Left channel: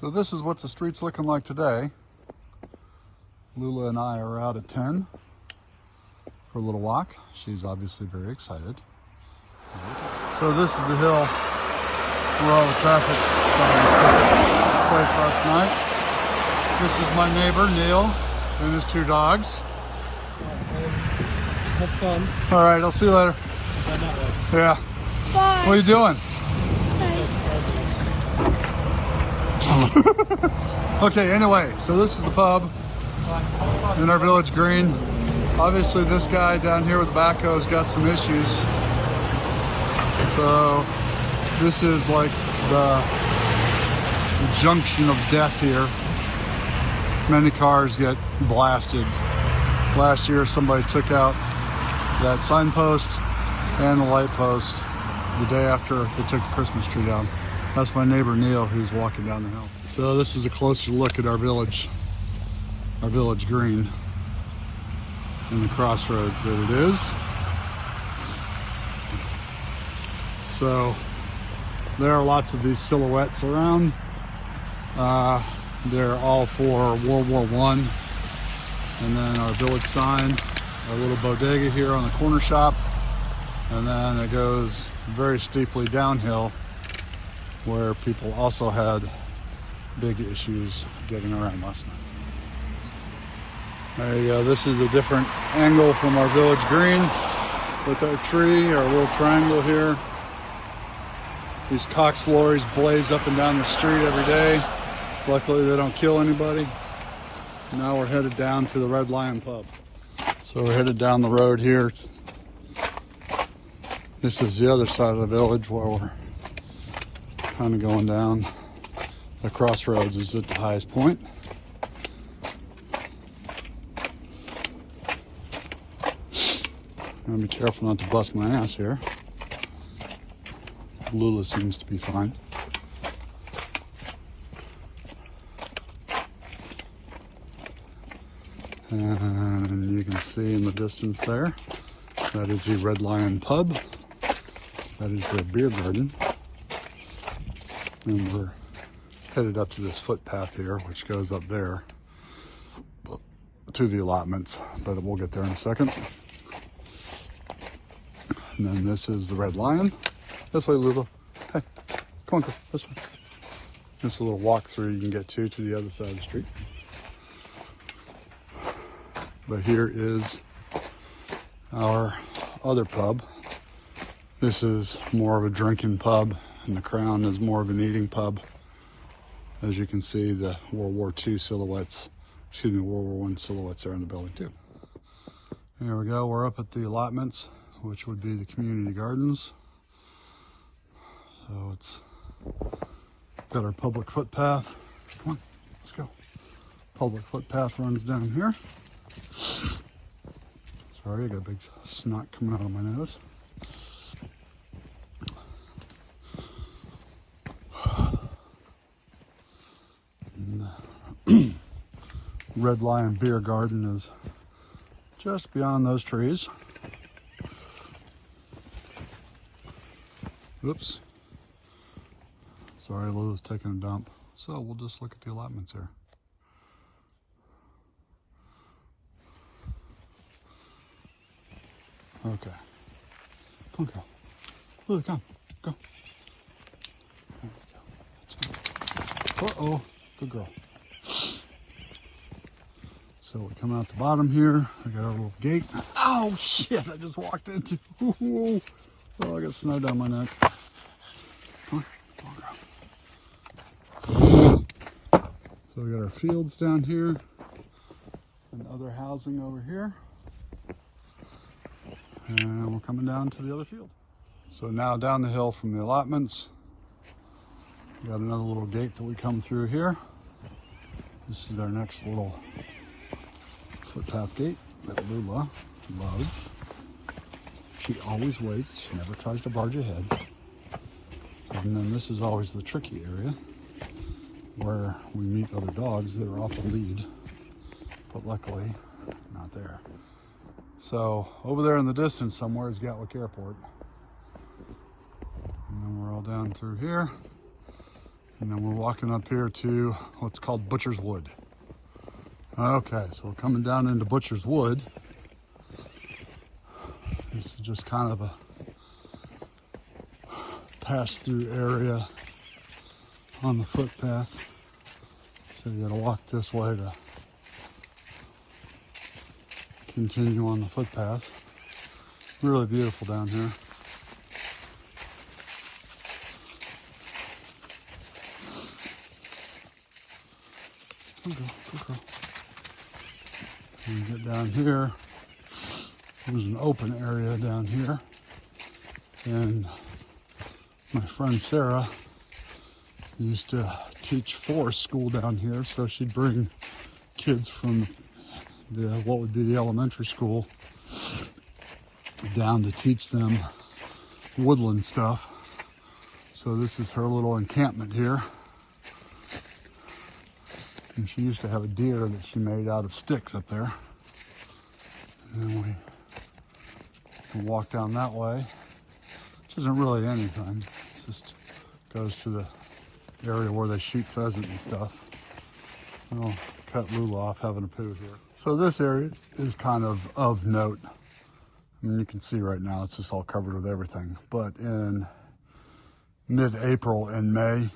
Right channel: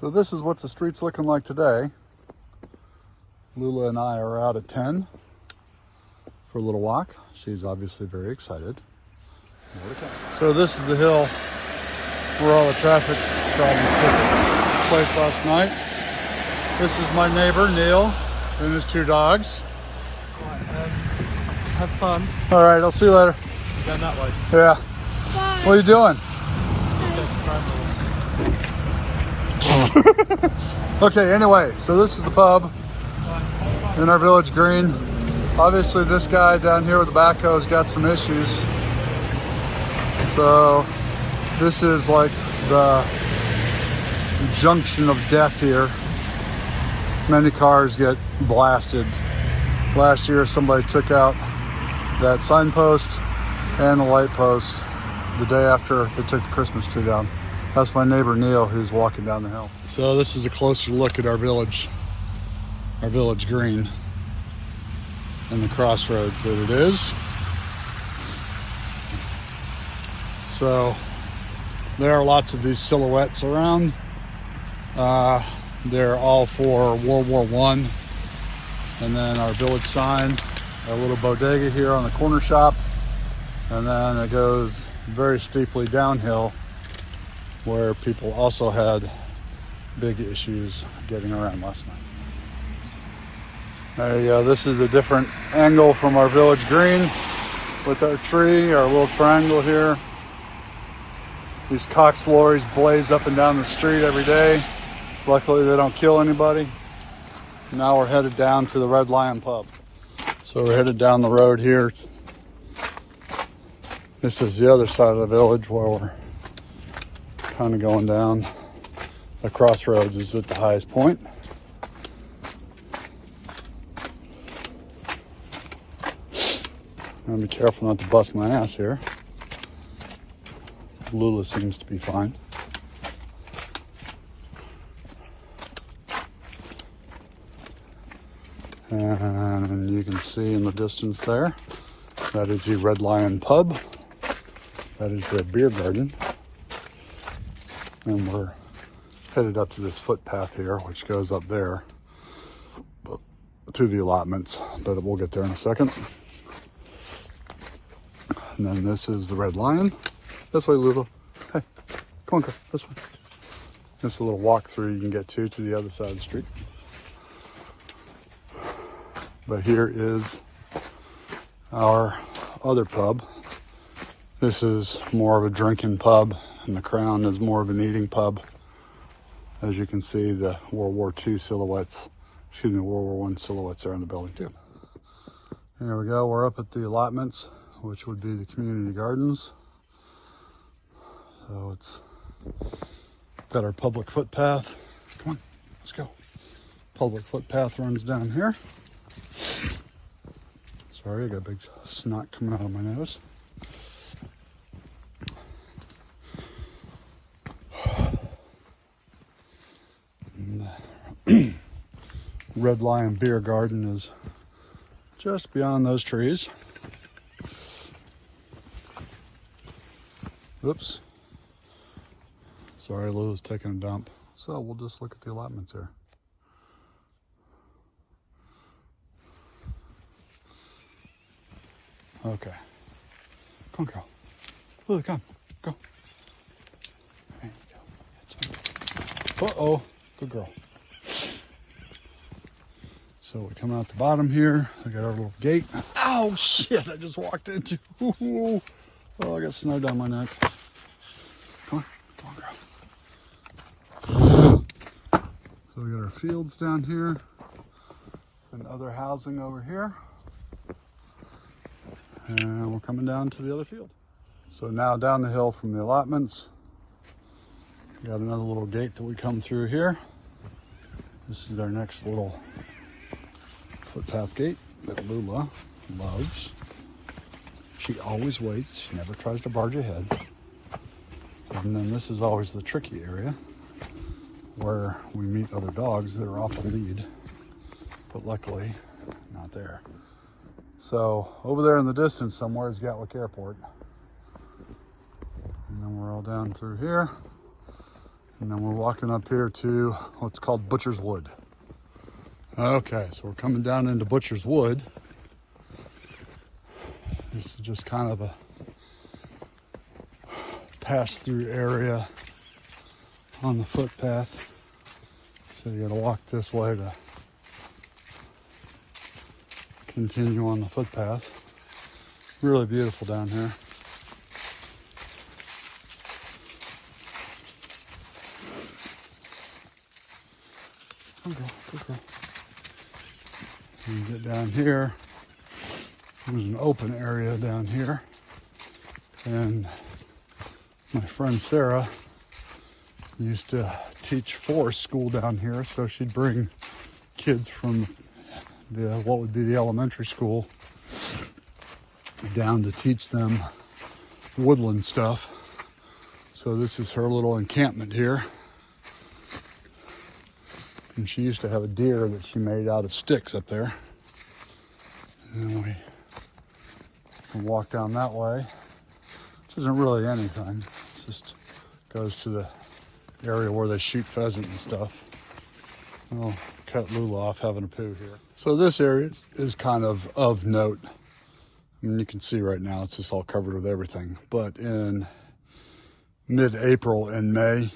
So this is what the street's looking like today. Lula and I are out at 10 for a little walk. She's obviously very excited. So this is the hill where all the traffic place last night. This is my neighbor, Neil, and his two dogs. Have fun. All right, I'll see you later. And that way. Yeah. Bye. What are you doing? Okay, anyway, so this is the pub in our village green. Obviously this guy down here with the backhoe has got some issues. So this is like the junction of death here. Many cars get blasted. Last year somebody took out that signpost and the light post the day after they took the Christmas tree down. That's my neighbor Neil, who's walking down the hill. So this is a closer look at our village green and the crossroads that it is. So there are lots of these silhouettes around. They're all for World War I. And then our village sign, our little bodega here on the corner shop. And then it goes very steeply downhill where people also had big issues getting around us. There you go. This is a different angle from our village green with our tree, our little triangle here. These Cox lorries blaze up and down the street every day. Luckily they don't kill anybody. Now we're headed down to the Red Lion pub. So we're headed down the road here. This is the other side of the village where we're kind of going down. The crossroads is at the highest point. I'm be careful not to bust my ass here. Lula seems to be fine. And you can see in the distance there, that is the Red Lion pub. That is the beer garden. And we're headed up to this footpath here, which goes up there to the allotments, but we'll get there in a second. And then this is the Red Lion. This way, Lulu. Hey, come on, go this way. This is a little walk through you can get to the other side of the street. But here is our other pub. This is more of a drinking pub, and the Crown is more of an eating pub. As you can see, the World War II silhouettes, World War I silhouettes are in the building too. There we go, we're up at the allotments, which would be the community gardens. So it's got our public footpath. Come on, let's go. Public footpath runs down here. Sorry, I got a big snot coming out of my nose. And the Red Lion beer garden is just beyond those trees. Oops. Sorry, Lula's taking a dump. So we'll just look at the allotments here. Okay. Come on, girl. Lula, come. Go. There you go. Uh-oh. Good girl. So we come out the bottom here. I got our little gate. Oh, shit. I just walked into. Oh, I got snow down my neck. Come on, girl. So we got our fields down here and other housing over here. And we're coming down to the other field. So now down the hill from the allotments, got another little gate that we come through here. This is our next little footpath gate that Lula loves. She always waits, she never tries to barge ahead. And then this is always the tricky area where we meet other dogs that are off the lead, but luckily not there. So over there in the distance somewhere is Gatwick Airport. And then we're all down through here. And then we're walking up here to what's called Butcher's Wood. Okay, so we're coming down into Butcher's Wood. This is just kind of a pass-through area on the footpath. So you gotta walk this way to continue on the footpath. Really beautiful down here. Okay. When you get down here, there's an open area down here. And my friend Sarah used to teach forest school down here, so she'd bring kids from what would be the elementary school down to teach them woodland stuff. So this is her little encampment here. And she used to have a deer that she made out of sticks up there. And we walk down that way. This isn't really anything. It just goes to the area where they shoot pheasant and stuff. We'll cut Lula off having a poo here. So this area is kind of note. And you can see right now it's just all covered with everything. But in mid-April and May,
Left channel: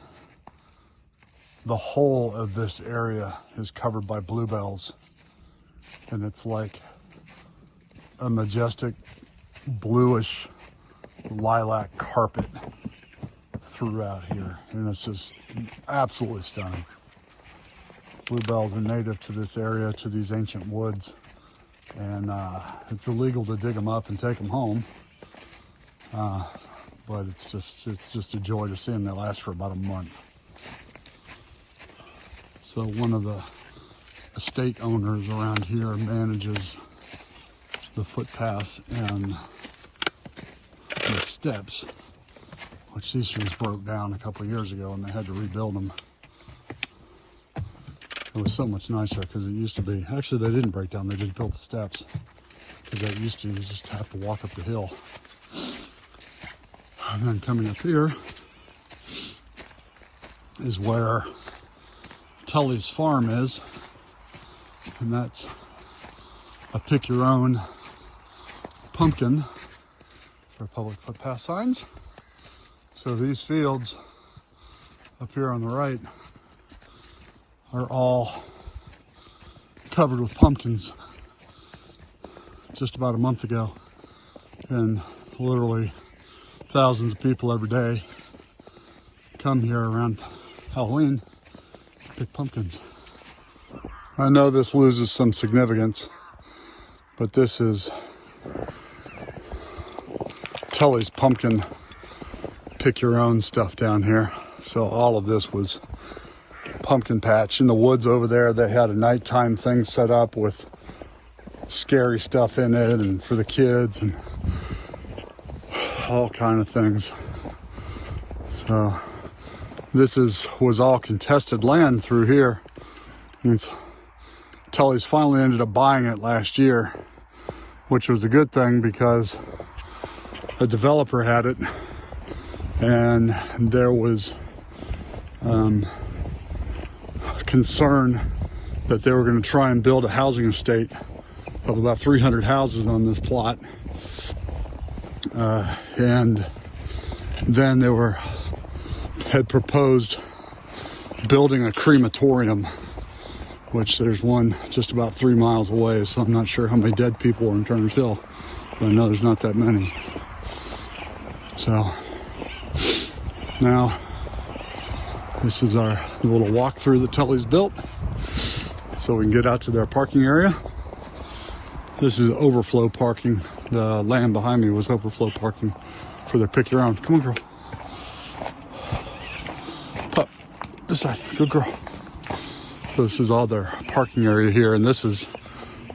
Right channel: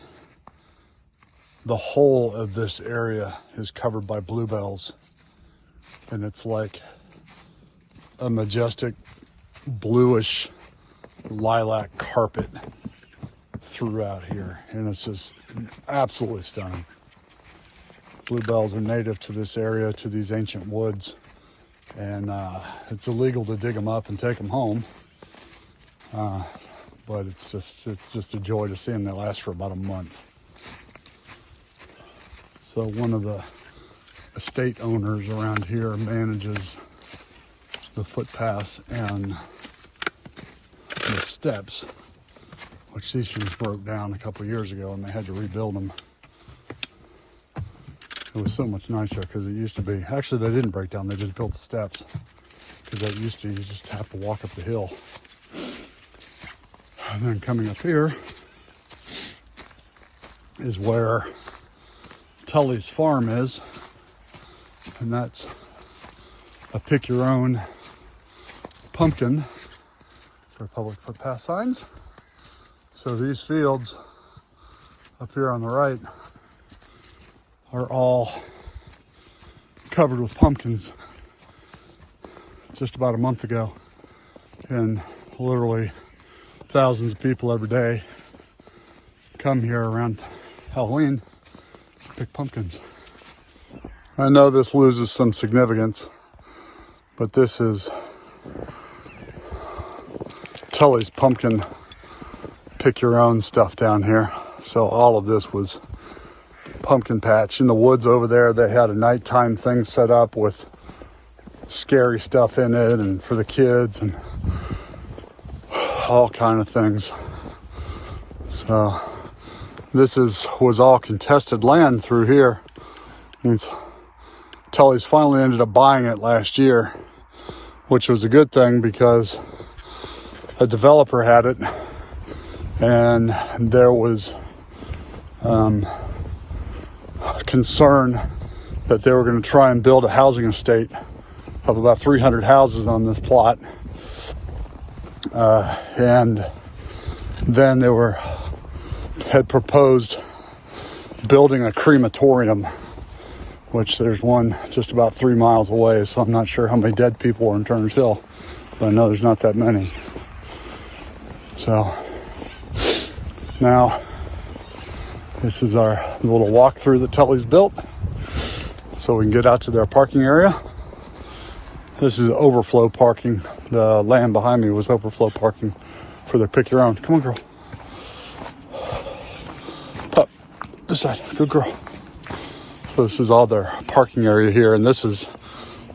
the whole of this area is covered by bluebells. And it's like a majestic bluish lilac carpet throughout here. And it's just absolutely stunning. Bluebells are native to this area, to these ancient woods. And it's illegal to dig them up and take them home. But it's just a joy to see them. They last for about a month. So one of the estate owners around here manages the footpaths and the steps, which these things broke down a couple of years ago and they had to rebuild them. It was so much nicer because it used to be, actually they didn't break down, they just built the steps. Because that used to, you just have to walk up the hill. And then coming up here is where Tully's farm is. And that's a pick your own pumpkin. So public footpath signs. So these fields up here on the right are all covered with pumpkins just about a month ago. And literally thousands of people every day come here around Halloween to pick pumpkins. I know this loses some significance, but this is Tully's pumpkin pick your own stuff down here. So all of this was pumpkin patch. In the woods over there, they had a nighttime thing set up with scary stuff in it and for the kids and all kind of things. So this was all contested land through here. And Tully's finally ended up buying it last year, which was a good thing because a developer had it and there was concern that they were going to try and build a housing estate of about 300 houses on this plot. And then they had proposed building a crematorium, which there's one just about 3 miles away, so I'm not sure how many dead people are in Turner's Hill, but I know there's not that many. So now this is our little walkthrough that Tully's built, so we can get out to the parking area. This is overflow parking. The land behind me was overflow parking for the pick your own. Come on, girl. Top. This side. Good girl. So this is all the parking area here, and this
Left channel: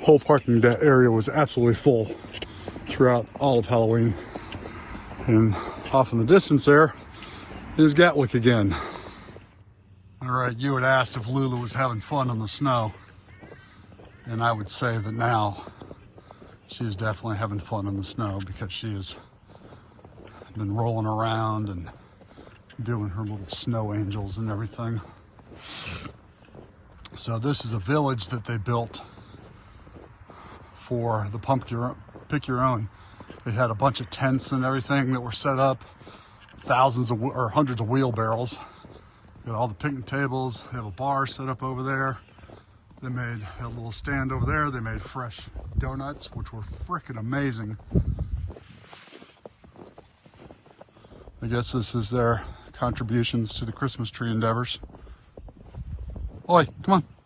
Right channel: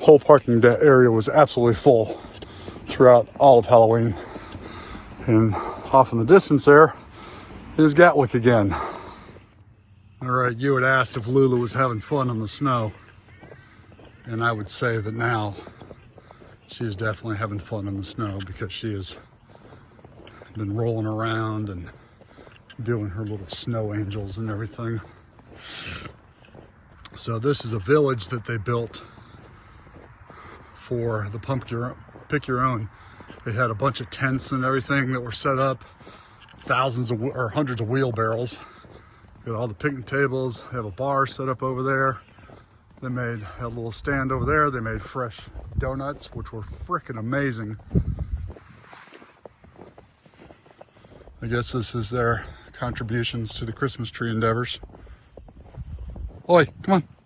whole parking area was absolutely full throughout all of Halloween. And off in the distance there is Gatwick again. All right, you had asked if Lula was having fun on the snow, and I would say that now she is definitely having fun in the snow because she has been rolling around and doing her little snow angels and everything. So this is a village that they built for the pick your own. They had a bunch of tents and everything that were set up, thousands of or hundreds of wheelbarrows. Got all the picnic tables. They have a bar set up over there. They had a little stand over there. They made fresh donuts, which were freaking amazing. I guess this is their contributions to the Christmas tree endeavors. Oi, come on.